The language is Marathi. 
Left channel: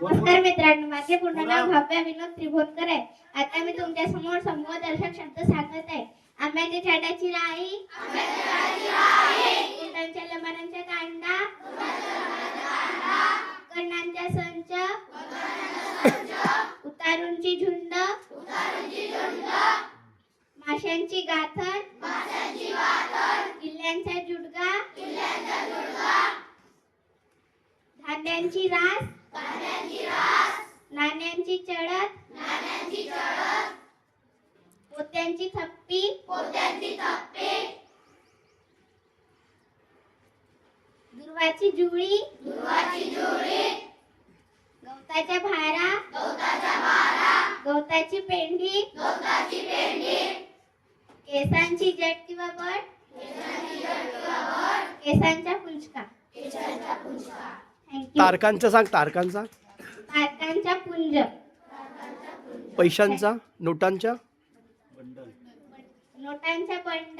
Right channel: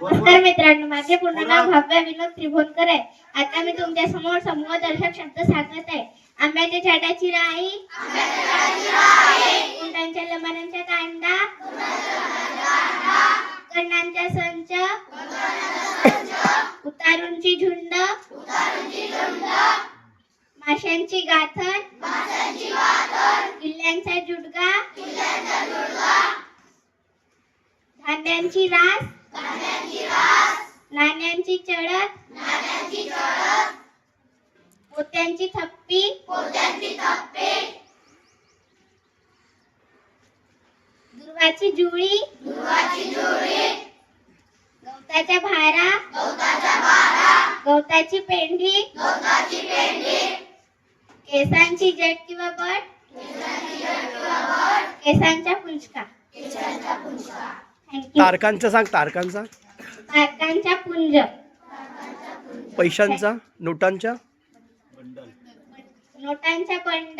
नमस्कार मित्रांनो, माझे पूर्ण नाव भव्य विनोद त्रिभुवनकर आहे. आता मी तुमच्या समोर समूहदर्शक शब्द सांगत आहे. आंब्याच्या झाडाची राई, उंटांच्या लबाडांचा कांदा, कर्णांचा संच, उतारूंची झुंड, माशांची गाथण, किल्ल्यांचा जुडगा, धान्यांची रास, नाण्यांची चढत, पोत्यांची थप्पी, दुर्वाची जुळी, गवताच्या भारा, गवताची पेंढी, केसांची जट किंवा बट, केसांचा पुंचका. थँक्यू. तारकांचा सांग. तारकांचा. तारकांचा पुंज, पैशांचा. नोटांच्या. नोटांचा बंडल,